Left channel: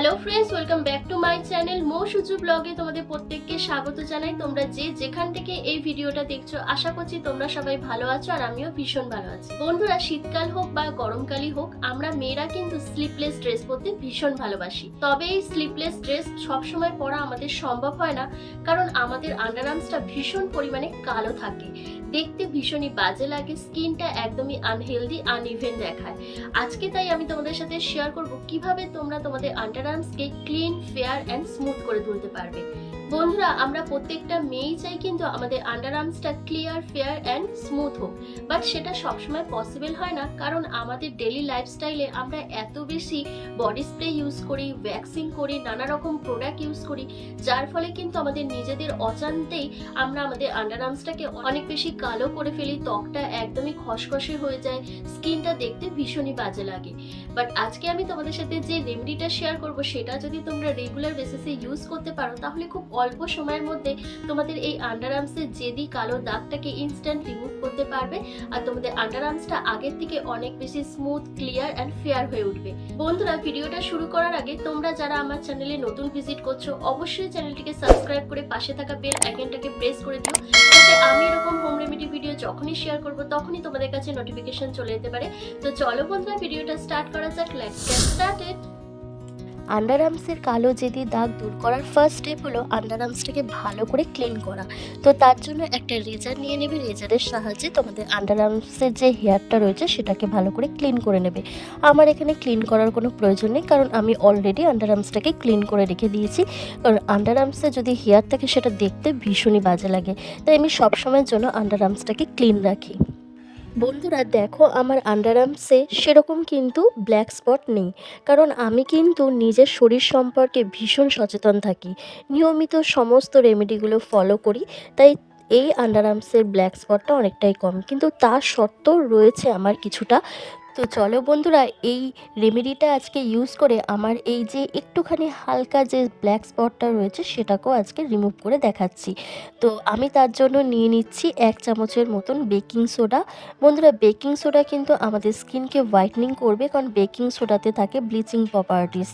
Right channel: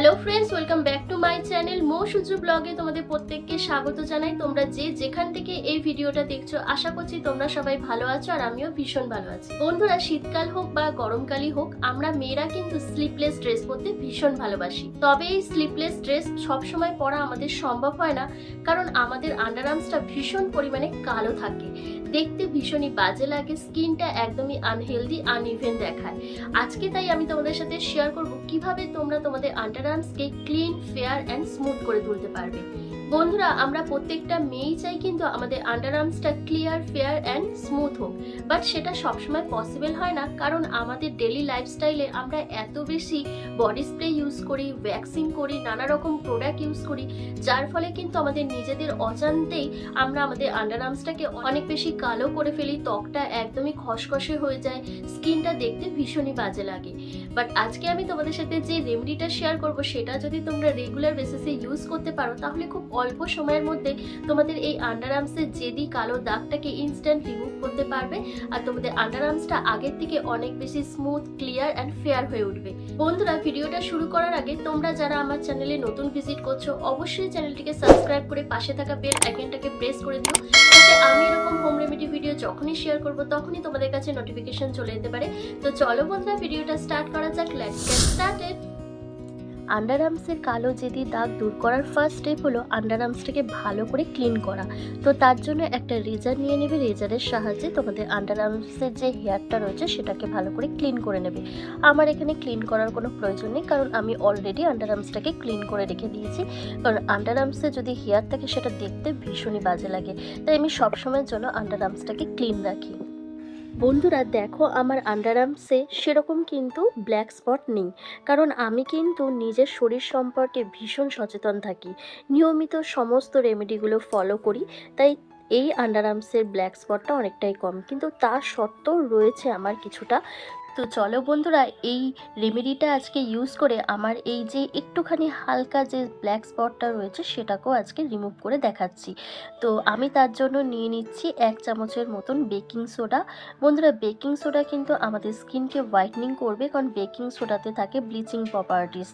Hello friends welcome back to my channel মো সুজু ব্লগে তোমাদের প্রত্যেককে স্বাগত জানাই। তোমরা যে যেখান থেকে এই ভিডিওটা দেখছ, আশা করছি তোমরা সবাই ভালো আছো আর আমিও ভীষণ ভালো আছি। বন্ধুরা, শীতকাল হোক বা গরমকালই হোক, আমরা মেয়েরা কিন্তু স্লিপলেস ড্রেস পরতে ভীষণ ভালোবাসি। তবে এই স্লিপলেস ড্রেস সবসময় পরা আমাদের সম্ভব হয় না, কারণ আমাদের আন্ডার আন্ডারআর্মসটা ভীষণ পরিমাণে কালো থাকে। দেখতে ভীষণই বাজে লাগে স্কিনটা একদমই আনহেলদি আনইভেন দেখায়। আজকে তাই আমি তোমাদের সাথে শেয়ার করব কীভাবে তোমরা তোমাদের আন্ডারআর্মসকে ক্লিন ফেয়ার অ্যান্ড স্মুথ করে তুলতে পারবে। বন্ধুরা, আমরা প্রত্যেকটা মেয়েই চাই কিন্তু আমাদের আন্ডারআর্মসটা ক্লিয়ার ফেয়ার অ্যান্ড স্মুথ হোক। বাট সেটা সবসময় পসিবল হয় না, কারণ আমাদের ডেলি লাইফস্টাইলে আমরা এত বেশি বডি স্প্রে ইউজ করি ভ্যাক্সিং করি, নানা রকম প্রোডাক্ট ইউজ করি, যার ফলে কিন্তু আমাদের নিজেদের অজান্তেই আমরা আমাদের আন্ডারআর্মসটাকে অনেক বেশি কালো করে ফেলি, ত্বকটা একদমই খসখসে হয়ে যায় স্কিনটা দেখতে ভীষণই বাজে লাগে। বাট আজকে আমি তোমাদের সাথে যে রেমেডিটা শেয়ার করব, সেটা যদি তোমরা রেগুলার বেসিসে ইউজ করতে পারো, তাহলে খুব অল্প সময়ের মধ্যে তোমাদের এই আন্ডারআর্মসের জেদি কালো দাগটাকে ইনস্ট্যান্ট রিমুভ করতে পারবে আর তোমাদের আন্ডারআর্মসটা আগের থেকে অনেক বেশি স্মুথ ক্লিয়ার অ্যান্ড ফেয়ার হয়ে উঠবে। বন্ধুরা, ভিডিওটা শুরু করার আগে তোমরা যারা আমার চ্যানেলে নতুন ভিজিট করছ, অবশ্যই চ্যানেলটিকে সাবস্ক্রাইব করে পাশে থাকা বেল আইকনটাকে প্রেস করে দিও। যাতে আমি এরকম হোম রেমেডি ভিডিও যখনই শেয়ার করব, তখনই তোমাদের কাছে নোটিফিকেশন চলে যেতে পারে। তো চলো বন্ধুরা, ভিডিওটা স্টার্ট করা যাক। লেটস গেট স্টার্টেড আন্ডারআর্মসের কালো জেদি দাগ দূর করার ফার্স্ট স্টেপ হলো আন্ডারআর্মসটাকে ভালো করে ক্লিন করা। তো তার জন্য একটা রেজার নিয়ে নেবে। রেজারের সাহায্যে তোমাদের আন্ডারআর্মসের যে হেয়ারটা রয়েছে সেটাকে ভালো করে ক্লিন করে নেবে। আমার এখানে ক্লিন করার কোনো প্রয়োজন নেই কারণ আমি অলরেডি আন্ডারআর্মসটাকে ক্লিন করে রেখে দিয়েছি। কারণ আন্ডারআর্মসে যদি হেয়ার থাকে সেটা দেখতে ভীষণই বাজে লাগে। তাই আমি সবসময়ের জন্য আন্ডারআর্মসটাকে ক্লিন রাখি। বন্ধুরা, দেখো আমার আন্ডার আন্ডারআর্মসে সেরকম কিন্তু ব্ল্যাক স্পট নেই। কারণ আমি কিন্তু নিজের শরীর সম্পর্কে ভীষণ সচেতন থাকি। নিয়মিত সমস্ত রেমেডিগুলো ফলো করি, তাই এই আন্ডার আন্ডারআর্মসের ব্ল্যাক স্পটটা অনেকটাই কম। কিন্তু তা সত্ত্বেও রয়েছে আমার কিছুটা তো চলো বন্ধুরা, এই রেমেডিটা আজকে ইউজ করে আমার এই যে একটুখানি হালকা যে ব্ল্যাক স্পটটা রয়েছে, সেটাকেও আজকে রিমুভ করে দেখাচ্ছি। তো আমি তার জন্য নিয়ে নিচ্ছি এক চামচের মতন বেকিং সোডা বন্ধুরা বেকিং সোডা কিন্তু আমাদের স্কিনকে হোয়াইটনিং করবে, কারণ বেকিং সোডাতে থাকে ব্লিচিং প্রপার্টিস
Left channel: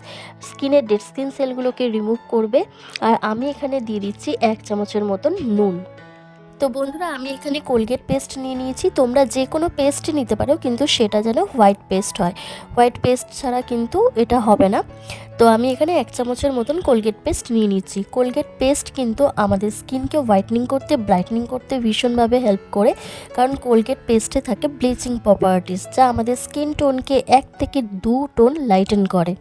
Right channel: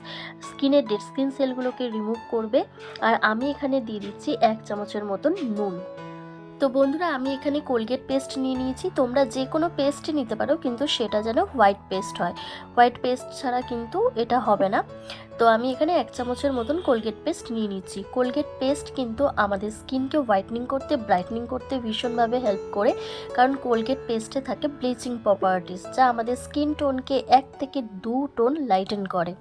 স্কিনের ডেড স্কিন সেলগুলোকে রিমুভ করবে। আর আমি এখানে দিয়ে দিচ্ছি এক চামচের মতন নুন। তো বন্ধুরা, আমি এখানে কোলগেট পেস্ট নিয়ে নিয়েছি। তোমরা যে কোনো পেস্ট নিতে পারো, কিন্তু সেটা যেন হোয়াইট পেস্ট হয়। হোয়াইট পেস্ট ছাড়া কিন্তু এটা হবে না। তো আমি এখানে এক চামচের মতন কোলগেট পেস্ট নিয়ে নিচ্ছি। কোলগেট পেস্ট কিন্তু আমাদের স্কিনকে হোয়াইটনিং করতে ব্রাইটনিং করতে ভীষণভাবে হেল্প করে। কারণ কোলগেট পেস্টে থাকে ব্লিচিং প্রপার্টিস যা আমাদের স্কিন টোনকে এক থেকে দু টোন লাইটেন করে।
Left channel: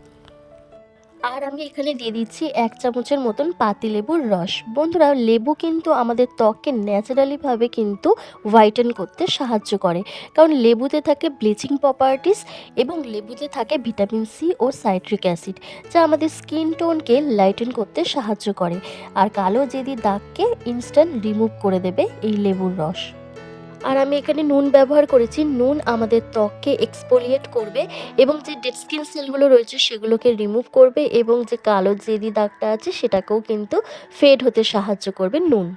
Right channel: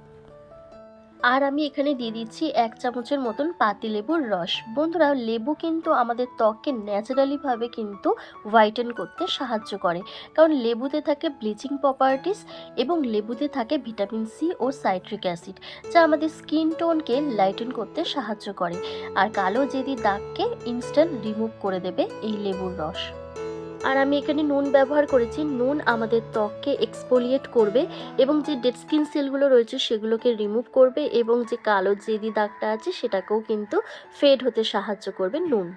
আর আমি এখানে দিয়ে দিচ্ছি এক চামচের মতন পাতি লেবুর রস। বন্ধুরা, লেবু কিন্তু আমাদের ত্বককে ন্যাচারালিভাবে কিন্তু হোয়াইটেন করতে সাহায্য করে। কারণ লেবুতে থাকে ব্লিচিং প্রপার্টিস এবং লেবুতে থাকে ভিটামিন সি ও সাইট্রিক অ্যাসিড যা আমাদের স্কিন টোনকে লাইটেন করতে সাহায্য করে। আর কালো জেদি দাগকে ইনস্ট্যান্ট রিমুভ করে দেবে এই লেবুর রস। আর আমি এখানে নুন ব্যবহার করেছি। নুন আমাদের ত্বককে এক্সপোলিয়েট করবে এবং যে ডেড স্কিন সেলগুলো রয়েছে সেগুলোকে রিমুভ করবে এবং যে কালো, জেদি দাগটা আছে সেটাকেও কিন্তু ফেড হতে সাহায্য করবে নুন।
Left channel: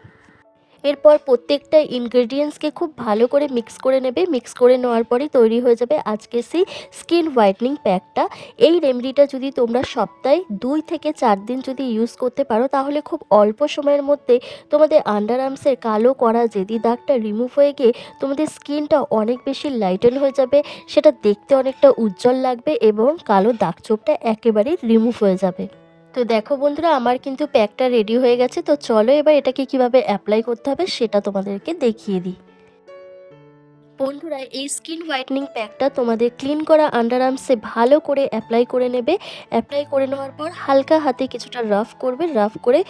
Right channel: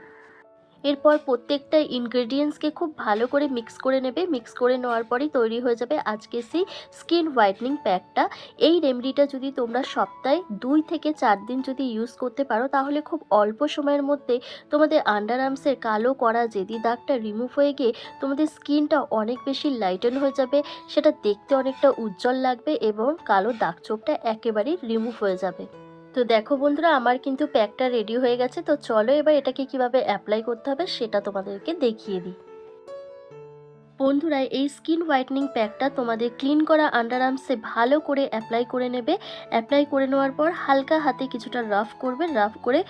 এরপর প্রত্যেকটা ইনগ্রেডিয়েন্টসকে খুব ভালো করে মিক্স করে নেবে। মিক্স করে নেওয়ার পরেই তৈরি হয়ে যাবে আজকে সেই স্কিন হোয়াইটনিং প্যাকটা এই রেমেডিটা যদি তোমরা সপ্তাহে দুই থেকে চার দিন যদি ইউজ করতে পারো, তাহলে খুব অল্প সময়ের মধ্যে তোমাদের আন্ডারআর্মসের কালো করা জেদি দাগটা রিমুভ হয়ে গিয়ে তোমাদের স্কিনটা অনেক বেশি লাইটেন হয়ে যাবে। সেটা দেখতে অনেকটা উজ্জ্বল লাগবে এবং কালো দাগ চোপটা একেবারেই রিমুভ হয়ে যাবে। তো দেখো বন্ধুরা, আমার কিন্তু প্যাকটা রেডি হয়ে গেছে। তো চলো এবার এটাকে কীভাবে অ্যাপ্লাই করতে হবে সেটা তোমাদেরকে দেখিয়ে দিই। বন্ধুরা, এই স্কিন হোয়াইটনিং প্যাকটা তোমাদের ক্লিন করা আন্ডার আর্মসে ভালো করে অ্যাপ্লাই করে নেবে। অ্যাপ্লাই করে নেওয়ার পর হালকা হাতে কিছুটা রাফ করবে রাফ করে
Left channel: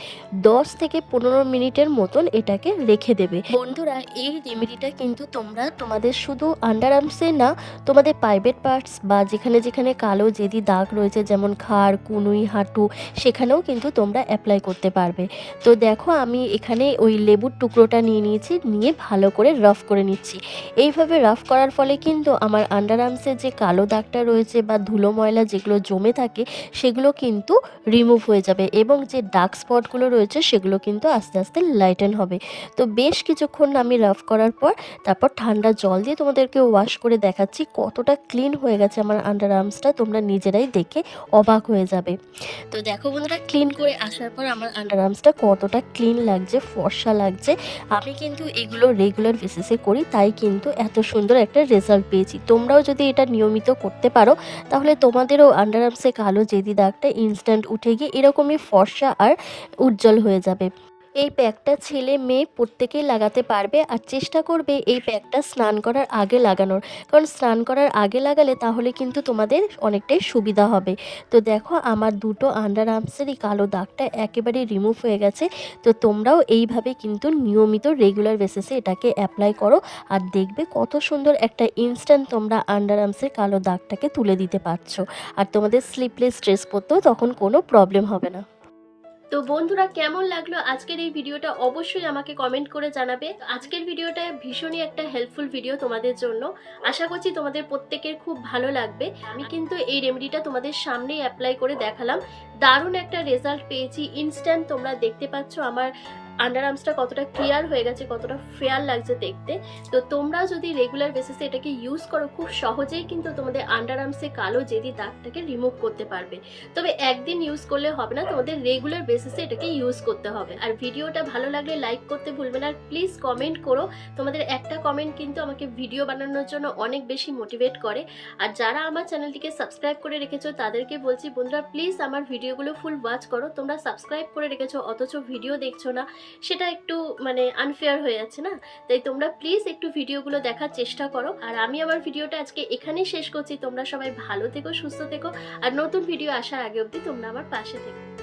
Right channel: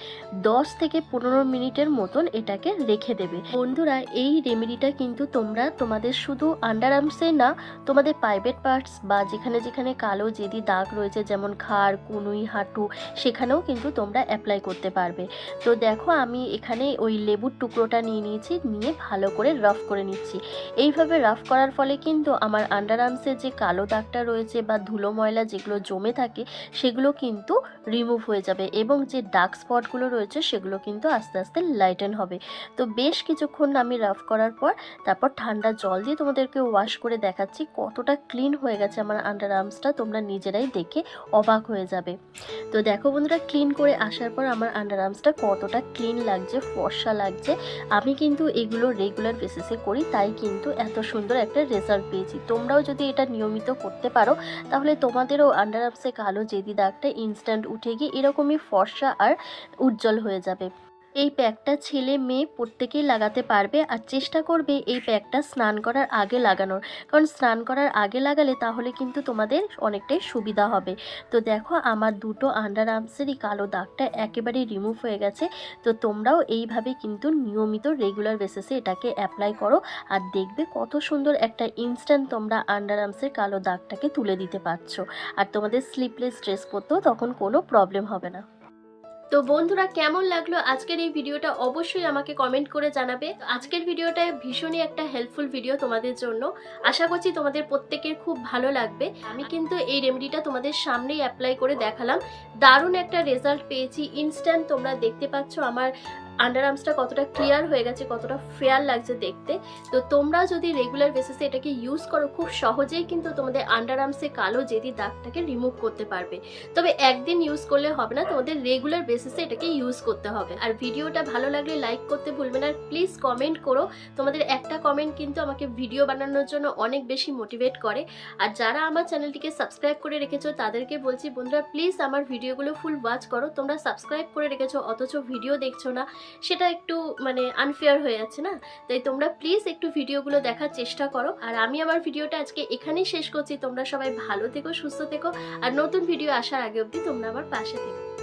10 থেকে পনেরো মিনিটের মতন এটাকে রেখে দেবে। বন্ধুরা, এই রেমেডিটা কিন্তু তোমরা তোমাদের শুধু আন্ডারআর্মসে না, তোমাদের প্রাইভেট পার্টস বা যেখানে যেখানে কালো যেদি দাগ রয়েছে, যেমন খাড়, কুনুই, হাঁটু, সেখানেও কিন্তু তোমরা অ্যাপ্লাই করতে পারবে। তো দেখো, আমি এখানে ওই লেবুর টুকরোটা নিয়ে নিয়েছি, নিয়ে ভালো করে রাফ করে নিচ্ছি। এই এইভাবে রাফ করার ফলে কিন্তু আমার আন্ডার আর্মসের যে কালো দাগটা রয়েছে বা ধুলো ময়লা যেগুলো জমে থাকে, সেগুলো কিন্তু রিমুভ হয়ে যাবে এবং যে ডার্ক স্পটগুলো রয়েছে, সেগুলো কিন্তু আস্তে আস্তে লাইটেন হবে। তো বেশ কিছুক্ষণ আমি রাফ করার পর, তারপর ঠান্ডা জল দিয়ে তোমাদেরকে ওয়াশ করে দেখাচ্ছি কতটা ক্লিন হয়ে গেছে আমার আন্ডার আর্মসটা তোমরা নিজেরাই দেখে অবাক হয়ে যাবে। তো দেখো বন্ধুরা ক্লিন করে আসার পর আমার আন্ডার আর্মসটা কতটা ক্লিন লাগছে, ফর্সা লাগছে। আমি কিন্তু এগুলো রেগুলার বেসিসে করি, তাই কিন্তু এত সুন্দর একটা রেজাল্ট পেয়েছি। তোমরাও যদি এটা নিয়মিত করতে পারো, তাহলে তোমাদেরও আন্ডার আর্মসে কালো জেদি দাগটা ইনস্ট্যান্ট উঠে গিয়ে এরকমই ফর্সা আর উজ্জ্বল হয়ে যাবে। এই প্যাকটা ছেলে মেয়ে প্রত্যেকেই লাগাতে পারবে আর চেষ্টা করবে এই প্যাকটা স্নান করার আগে লাগানোর। কারণ স্নান করার আগে লাগালে তাহলে কিন্তু তোমাদের অনেকটাই সুবিধা হবে। তো দেখো আমার দুটো আন্ডার আর্মসেরই কালো দাগটা একেবারে রিমুভ হয়ে গেছে। তো তোমরাও এইভাবে কিন্তু নিয়মিত রেগুলার বেসিসে এটাকে অ্যাপ্লাই করো আর দেখবে কত সুন্দর একটা ইনস্ট্যান্ট তোমরা আন্ডার আর্মসের কালো দাগটাকে তুলে দিতে পারছ। আর তোমাদের স্লিপলেস স্ট্রেস পড়তেও তখন কোনো প্রবলেম হবে না। তো বন্ধুরা, কেমন লাগল আজকের এই ভিডিওটা? অবশ্যই আমাকে কমেন্ট করে জানাবে। আজকের ভিডিওটা ভীষণই একটা হেল্পফুল ভিডিও তোমাদের জন্য। আশা করছি তোমাদের প্রত্যেকের খুব ভালো লাগবে। আমি কিন্তু এই রেমেডিটা তোমাদের সামনেই অ্যাপ্লাই করে দেখালাম। দারুণ একটা রেজাল্ট পেয়েছি। ইনস্ট্যান্ট তোমরা দেখতে পাচ্ছ আমার আন্ডার আর্মসটা কতটা ক্লিয়ার হয়ে গেছে, কতটা ফেয়ার লাগছে দেখতে। তো তোমরা যদি রেগুলার বেসিসে এটাকে ইউজ করো, খুব সহজেই কিন্তু তোমাদের আন্ডার আর্মসে কালো জেদি দাগটাকে রিমুভ করতে পারবে। তবে একদিন ইউজ করলে হবে না, তোমাদের রেগুলার বেসিসে এটাকে ইউজ করতে হবে। আর ভিডিওটা ভালো লাগলে লাইক করতে ভুলবে না, আর প্লিজ কমেন্ট করো। তোমাদের একটা কমেন্ট কিন্তু আমাকে ভিডিও বানানোর জন্য অনেক বেশি মোটিভেট করে। আর যারা আমার চ্যানেলটিকে সাবস্ক্রাইব করে রেখেছো, তাদেরকে বলছি, বন্ধুরা প্লিজ আমার ভিডিওগুলো ফুল ওয়াচ করো। তোমরা সাবস্ক্রাইব করে রেখেছো, অথচ ভিডিও দেখছ না। সেটা একটু মানে আনফেয়ার হয়ে যাচ্ছে না? তাই তোমরা প্লিজ একটু ভিডিওগুলো দেখার চেষ্টা করো। আর আমি আমার ভিডিওটা আজকে এখানেই শেষ করছি। তোমরা সবাই ভালো থেকো, সুস্থ থেকো। আর নতুন ভিডিও আসার আগে অবধি তোমরা আমার পাশে থেকো।